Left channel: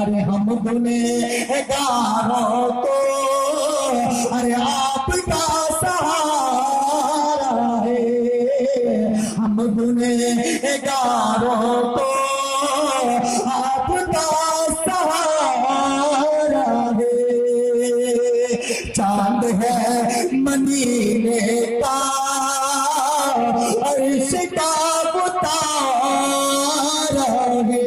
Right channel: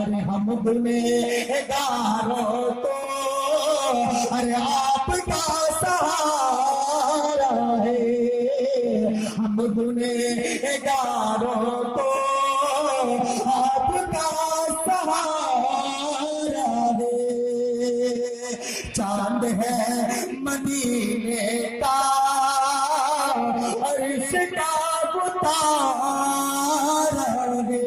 ارے ہم گنہگاروں کو ارے آپ کا سہارا ہے، ہم گنہگاروں کو آپ کا سہارا ہے، چاند ہے مدینے کا عرش کا ستارہ ہے۔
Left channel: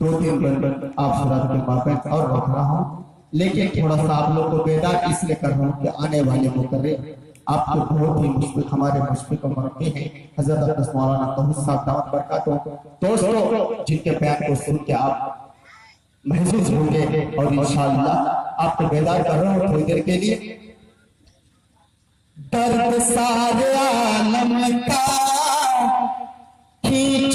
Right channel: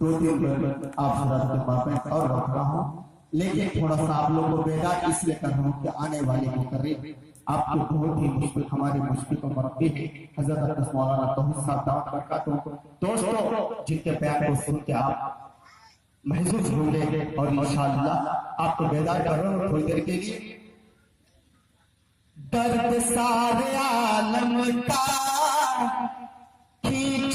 دو تین گھنٹے آپ سرات کے پاپیں اور رکھ رہا ہوں، لیکن تھوڑا سا آپ لوگ کو بیدار اس لیے کر رہا ہوں کہ آنے والے مقرر آپ کو بہت ہی مشفق ہمارے مشفق مربی ہیں حضرت اقدس مولانا توحید صاحب دامت برکاتہ۔ دوستو جن کے بیان کو سن کے آپ محسوس ہوں گے اور انشاءاللہ آپ کو بیدار کر رہا ہوں تھوڑی دیر کے لیے۔ درد سارے عالم کا کھینچ